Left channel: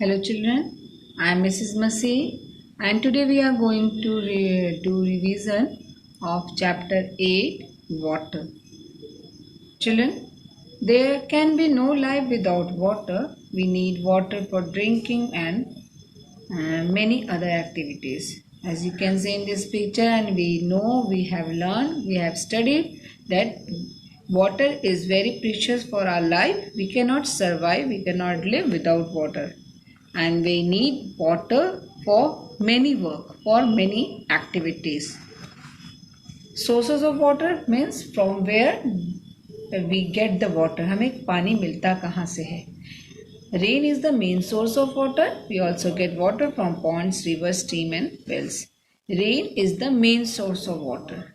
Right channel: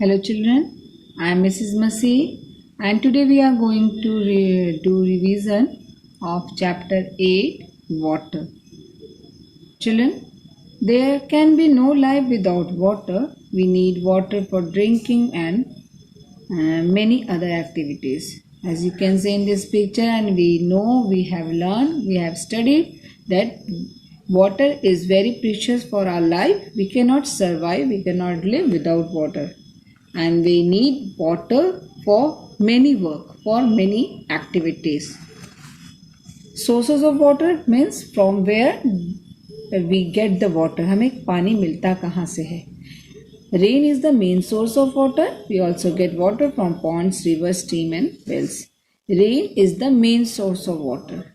Hello children, I am Mrs. Masih and today we are going to do revision of chapter 8 water. Children, there can be no life without water. We need water for drinking and many other activities. As you can see in this picture, and we know, we have learned, we have studied that water is very precious for our life. We cannot survive, we cannot live without water, and we need water for many work, for many activities. Sources of water means from where we get the water. हमें पानी मिलता कहाँ से है? Rain is the main source of water. We also get water from ponds, rivers, stream and wells. Rain is the main source of water.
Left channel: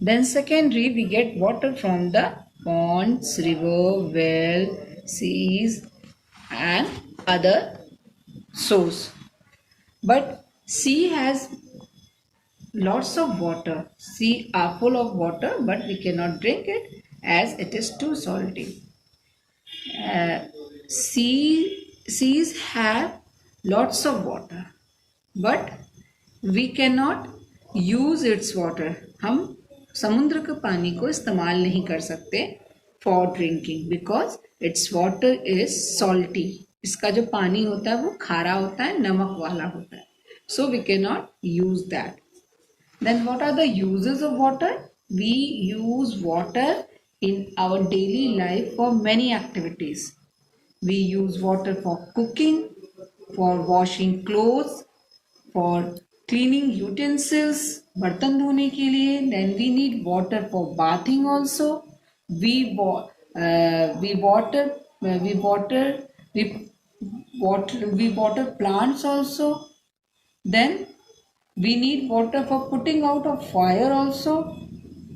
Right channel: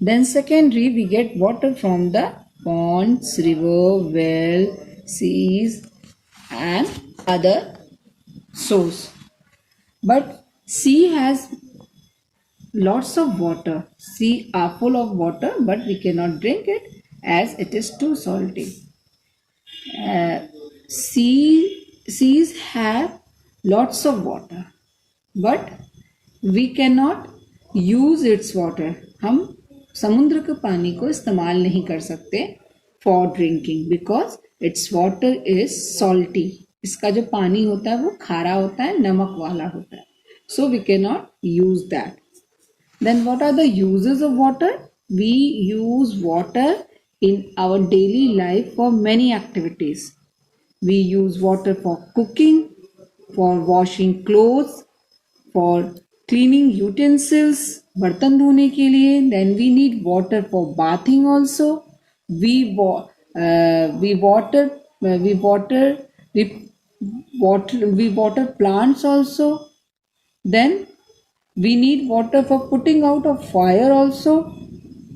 Then secondary, we get water from the ponds, river, well, seas and other source. But sea has lots of water. Sea are full of water, but we cannot drink it as it is too salty. Seas have lots of water, but we cannot use its water. हम समुद्र के पानी को इस्तेमाल नहीं कर सकते for drinking because its water is salty. इसका जो पानी होता है वो खारा होता है, नमक वाला होता है. So we cannot use that. Then what are the uses of water? We use water in our daily life for many activities. We use water for cooking, for washing clothes, for cleaning utensils, बर्तन धोने के लिए. Then we need water for bathing also. We water plants also. Then we need water for putting out a fire also.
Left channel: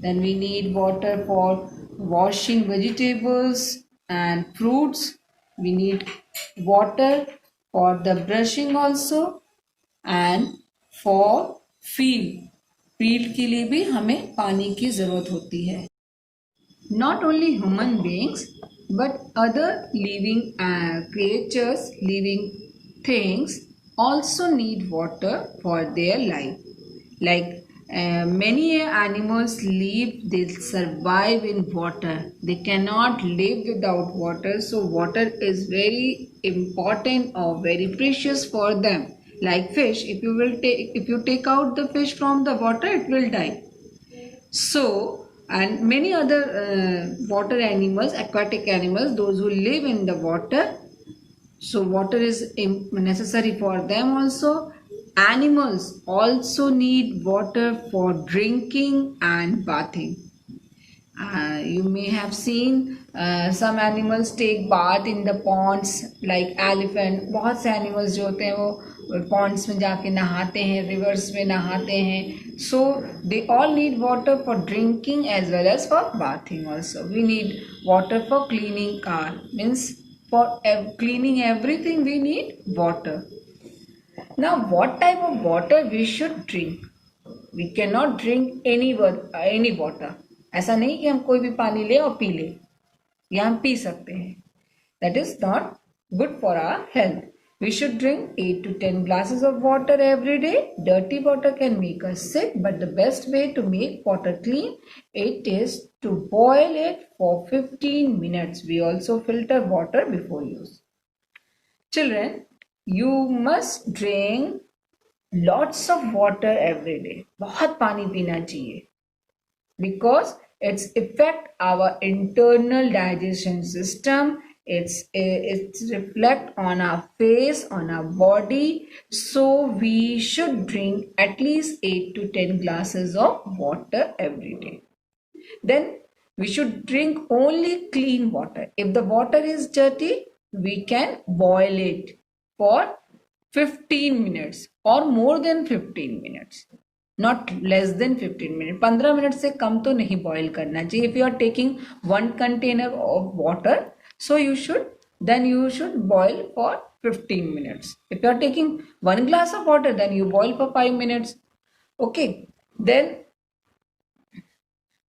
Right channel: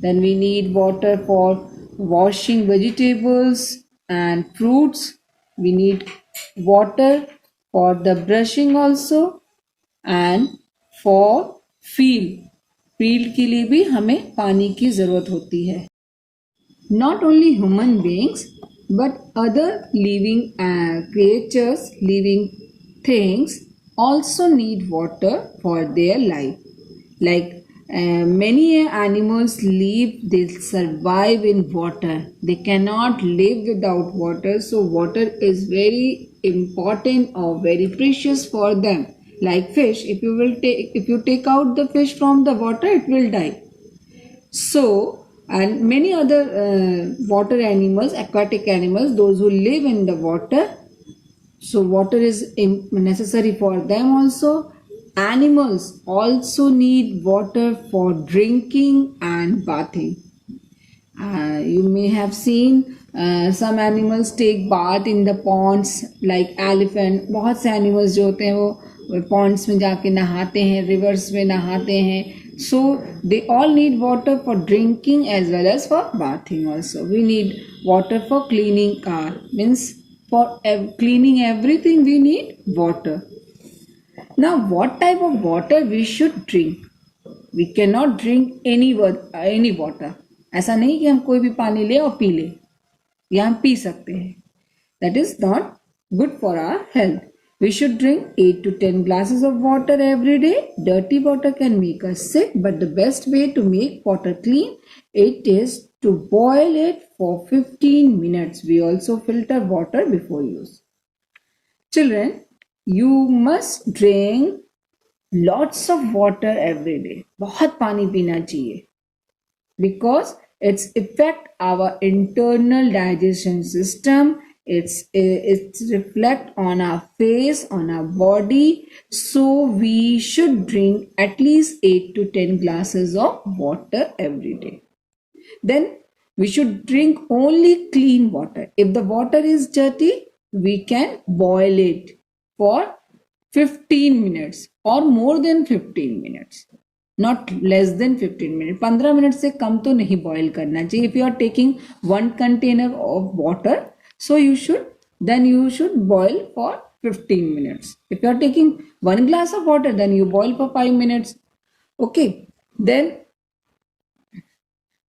Then we need water for washing vegetables and fruits. We need water for the brushing also and for field. Field के लिए भी हमें पानी की जरूरत होती है. Not only human beings but other living creatures, living things also need water for their life. Like many animals live, they survive in water. They cannot live without water. So water is very important or very precious for them. Like fish, if you take out the fish from the water, it will die. So, and many other water animals, aquatic animals, those who live in the water, so water is necessary for them also. Animals also need water for drinking and bathing. You may have seen some animals take bath in the ponds like elephant. बहुत से animals जो होते हैं वो ponds में जाके नहाते हैं, rivers में नहाते हैं. So they all need water for drinking as well as for bathing also. We need water for cleaning car. Means for cleaning everything we need water. Now what type of water we should drink? We cannot drink any water. ऐसा नहीं कि हम कोई भी पानी ले और P ले, या हम पी सकते हैं. That is not good for our health. We should drink 8 to 10 glasses of water every day. Dirty water can make us sick, but the best way to make water clean, it is to boil it for 15 minutes. We also filter water before use. Children, you must drink lots of water every day. बहुत पानी पीना चाहिए. Because it's affect our internal digestion system. It's reflect on our face, on our body. So we should drink at least 8 to 10 glasses of water every day. Then we should drink only clean water. If the water is dirty, we can boil it for 15 minutes or more than 15 minutes. Not less than 15 minutes. 15 minute से कम तो नहीं boil करना चाहिए. If you are taking 1 container of water, so you should boil for 15 minutes. If you are taking 1 glass of water, then you boil for 5 minutes. Okay. Then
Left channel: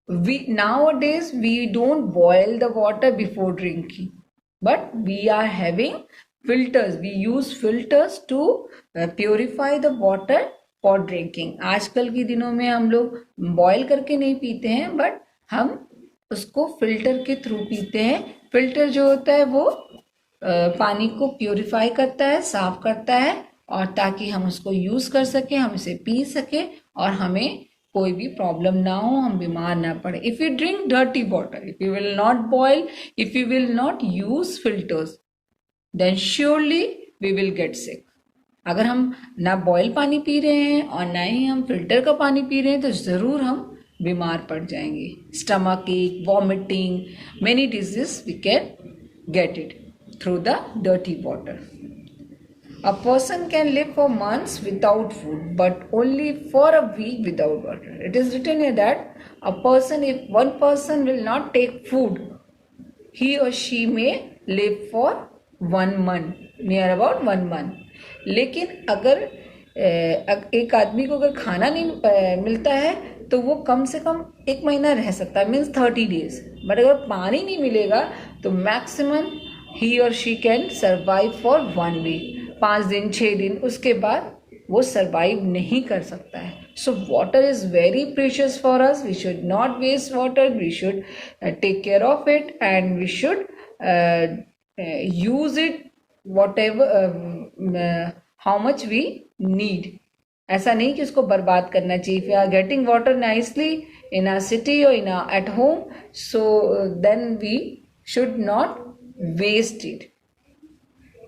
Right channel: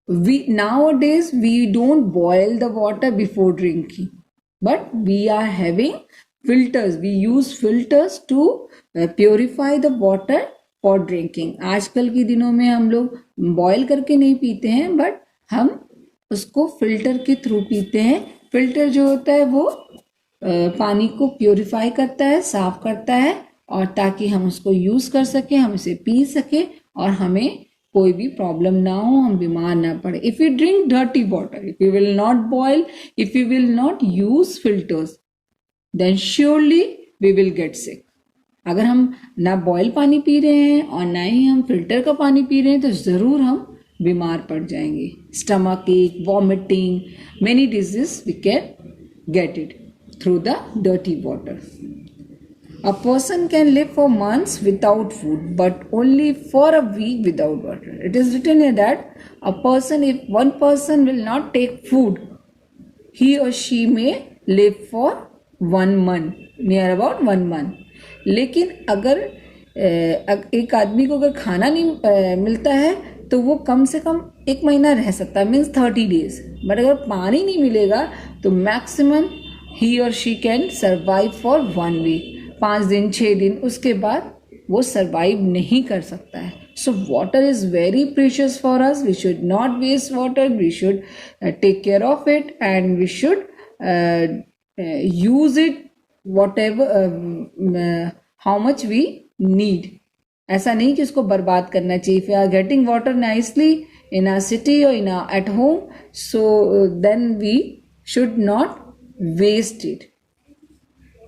nowadays we don't boil the water before drinking, but we are having filters. We use filters to purify the water for drinking. आजकल के दिनों में हम लोग boil करके नहीं पीते हैं, बट हम उसको फिल्टर के थ्रू पीते हैं. फिल्टर जो होता है वो पानी को प्योरीफाई करता है, साफ करता है, और ताकि हम उसको यूज कर सके, हम उसे पी सके और हमें कोई भी प्रॉब्लम ना हो, हम बीमार ना पड़े. If you drink dirty water, if you will not boil, if you will not use filters, then surely we will get sick. अगर हम ना बॉयल पानी पी रहे हैं और ना ही हम फिल्टर का पानी पी रहे हैं तो जरूर हम बीमार पड़ जाएंगे. Stomach ache, vomiting, many disease we can get it through the dirty water. A person can live for months without food, but only for a week without water. It is written here that a person, if one person will not take food, he or she may live for 1 month, near about 1 month. लेकिन अगर एक आदमी को अगर खाना नहीं मिलता है तो वो कम से कम 1 महीना रह सकता है, मीन्स 30 days. बट अगर पानी नहीं मिलेगा तो मैक्सिमम ही और she can survive for 1 week, 5 दिन 6 दिन, उसके बाद वो सर्वाइव नहीं कर सकता है. So water is very precious for us. We should not waste water, we should take care of it and we should use it whatever how much we need. ऐसा नहीं कि उसको बर्बाद करना चाहिए. If you are getting water nicely in our city or in our at home, so then we should not waste it.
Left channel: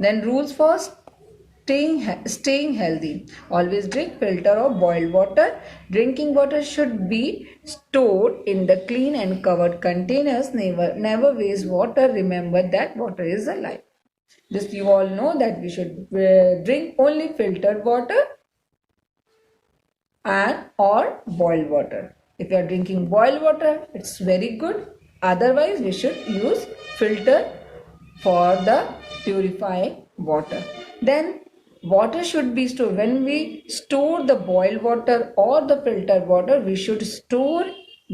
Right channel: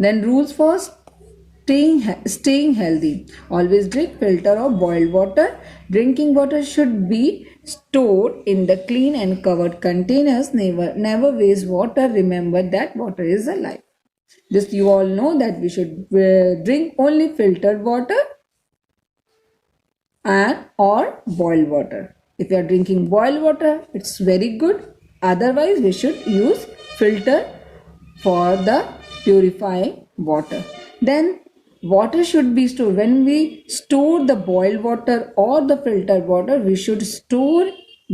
Then rules for staying healthy: always drink filter or boiled water. Drinking water should be stored in the clean and covered containers. Never waste water. Remember that water is a life. This you all know that we should drink only filtered water and or boiled water. If you are drinking boiled water, it's very good. Otherwise, we should use filter for the purifying water. Then water should be stored. When we store the boiled water or the filtered water, we should store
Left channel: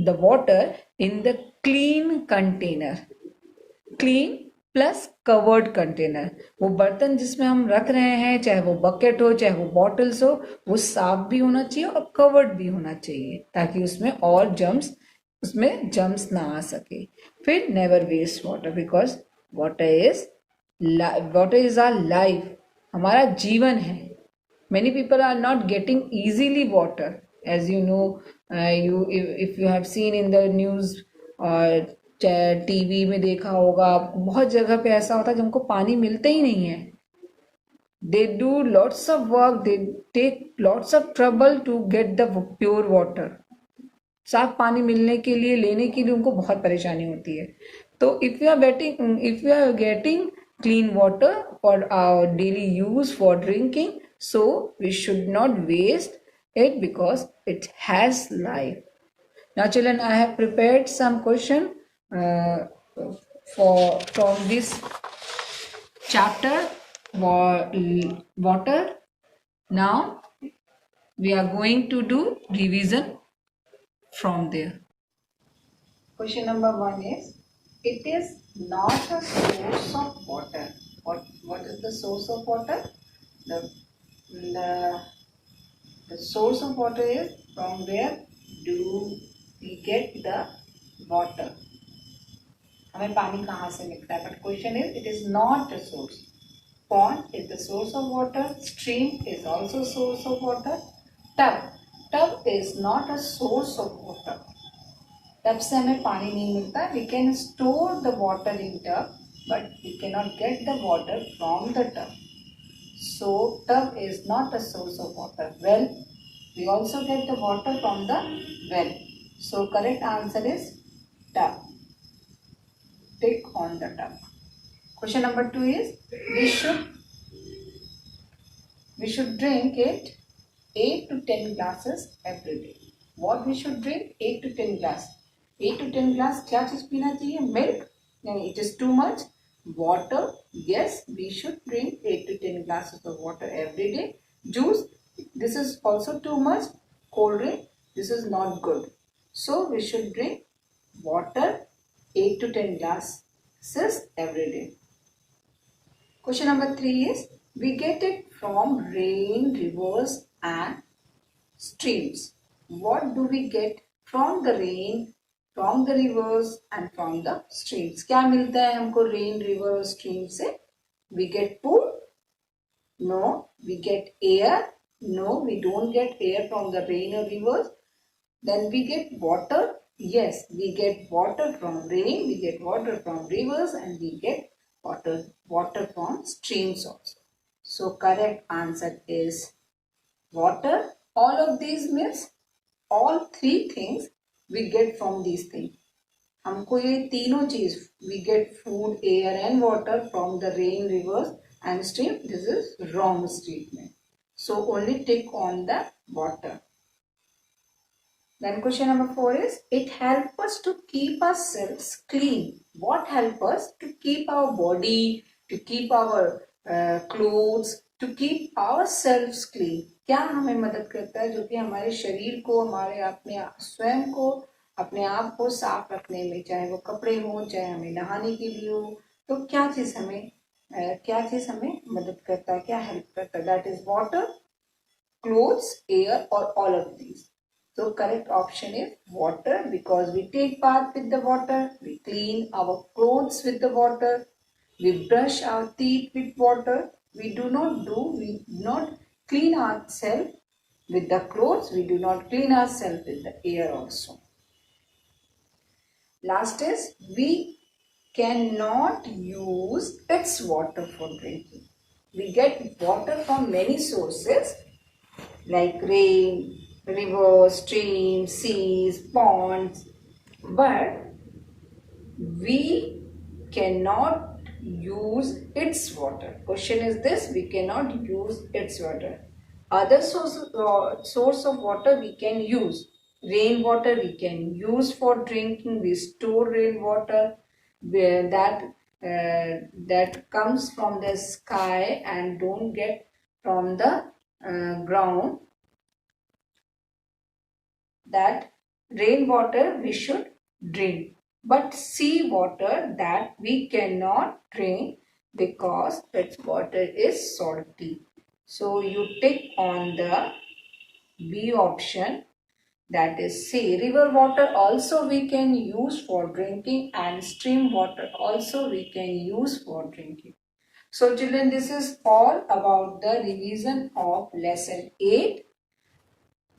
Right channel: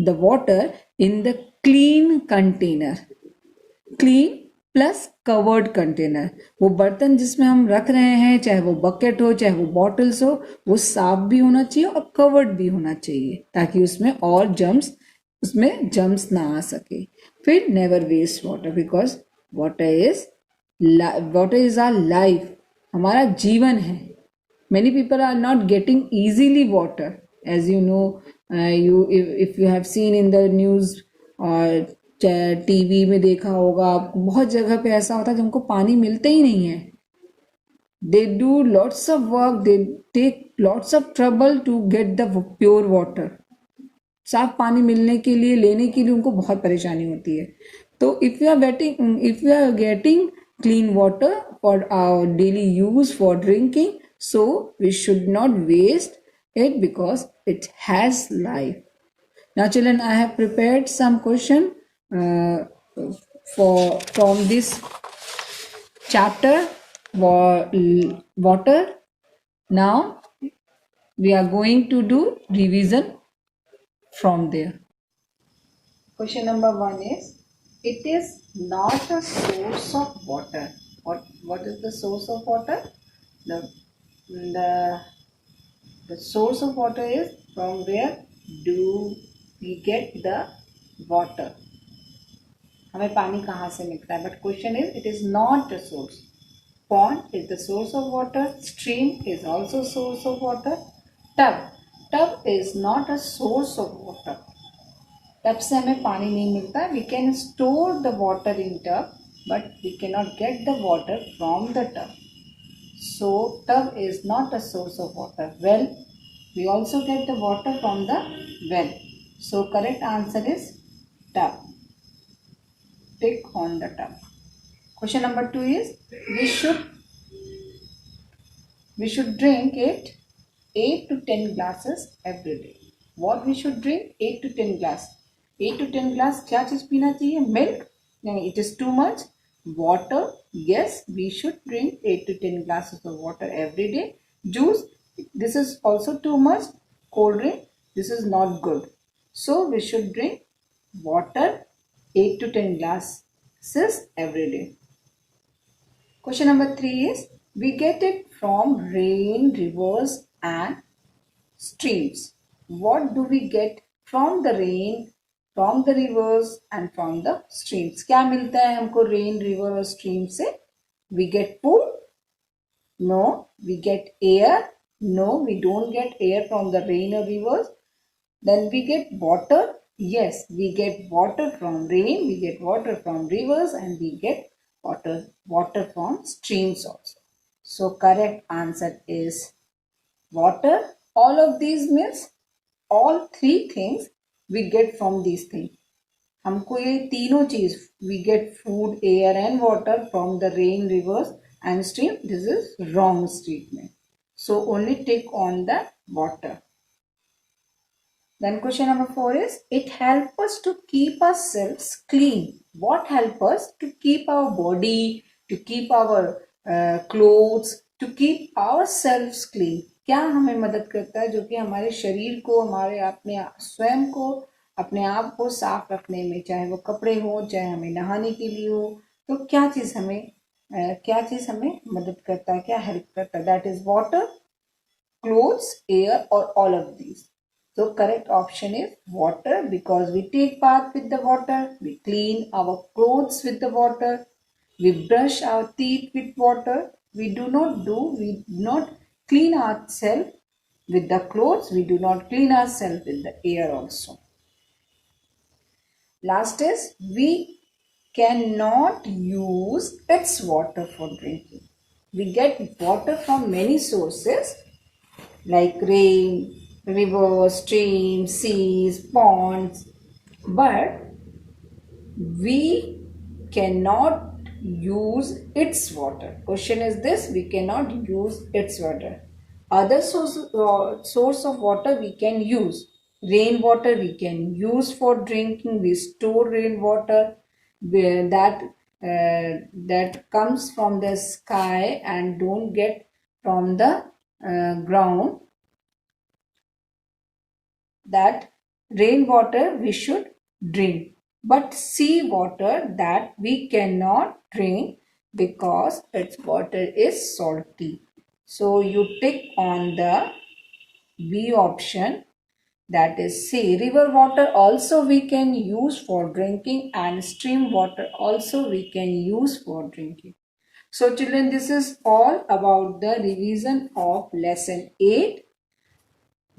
the water in the clean container. Clean plus covered container. वो बर्तन जिसमें हम रख रहे हैं, चाहे वो bucket हो चाहे वो बॉटल्स हो, वो साफ भी होना चाहिए और कवर्ड भी होना चाहिए ताकि उसमें और जम्स ना आ सके. फिर never waste water, because water is our life. हमारा जीवन है. Many people are not getting easily water, as you know. If you have seen in the news और टीवी में देखा होगा आपको, बहुत जगह पे ऐसा होता है जिनको पानी मिलता ही नहीं है. They do lots of work, they take lots of trouble to get the pure water. साफ पानी मिलने के लिए, लेने के लिए उनको बहुत परेशानी होती है. तो if you are getting clean water for our daily use for drinking, so we should not waste it because it has life. Now children, I have prepared some question from this chapter water. Now we are going to do revision from there. Question number 1 is, it is not a source of water. What is the source of water? The source of water is from where do we get the water. हमें पानी कहाँ से मिलता है? But question is, it is not a source. Pond is the source of water. Stream is also source of water. Tub is not a source of water. Tub से हमें पानी नहीं मिलता. We can store the water in tub, but we can not get the water from the tub. So tub is not a source of water. Well, we also get the water from the well. So correct answer is tub. Tick on the tub. Question number 2 is, we should drink it 8 to 10 glasses every day. What we should drink? 8 to 10 glass. 8 to 10 glass क्या चीज पीना चाहिए? Milk? No, it is too much. Water? Yes, we should drink 8 to 10 glasses of water every day. Juice? This is also too much. Cold drink, this is not good. So we should drink water 8 to 10 glasses every day. Question number 3 is, we get it from rain, rivers and streams. What do we get from the rain, from the rivers and from the streams? क्या मिलता है हमको rain, river और stream से? We get food? No. We get air? No, we don't get air from the rain or rivers. Then we get water? Yes, we get water from rain, we get water from rivers and we get water from streams also. So correct answer is water. All of these means all three things we get from these things. हमको ये तीनों चीज we get food, air and water from the rain, rivers and stream. This is wrong statement. So only tick on the water. Then question number 4 is, it helps us to keep ourselves clean. What helps us to keep our body, to keep our clothes, to keep ourselves clean? क्या हमें मदद करता है जो कि हमारे शरीर को, हमारे अपने स्वयं को, अपने आप को साफ रखने में, चाहे वो कपड़े हो, चाहे हमें नहाने के लिए हो, तो क्या चीज हमें मदद करता है, क्या हेल्प करता है? That is water, clothes, air or all of these. So correct option is water, because we take bath with the water, we clean our clothes with the water, we brush our teeth with water, we do not clean ourselves with the clothes, we do not clean ourselves with the air also. Last is, we cannot use its water for drinking. We get water from many sources like rain, rivers, streams, seas, ponds, but we cannot use its water. Question is this, we cannot use its water. Other source of water we can use. Rainwater we can use for drinking. We store rainwater that comes from the sky and don't get from the ground. That rainwater we should drink, but sea water that we cannot drink because its water is salty. So you tick on the B option, that is C. River water also we can use for drinking and stream water also we can use for drinking. So children, this is all about the revision of lesson 8.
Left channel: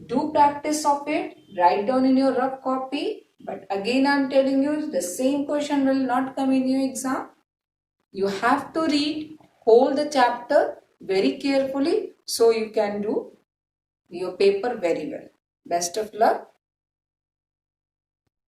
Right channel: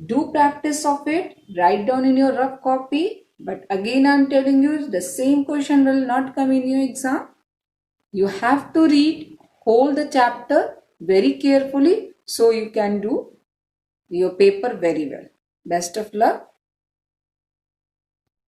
Do practice of it, write down in your rough copy. But again I am telling you, the same question will not come in your exam. You have to read whole the chapter very carefully so you can do your paper very well. Best of luck.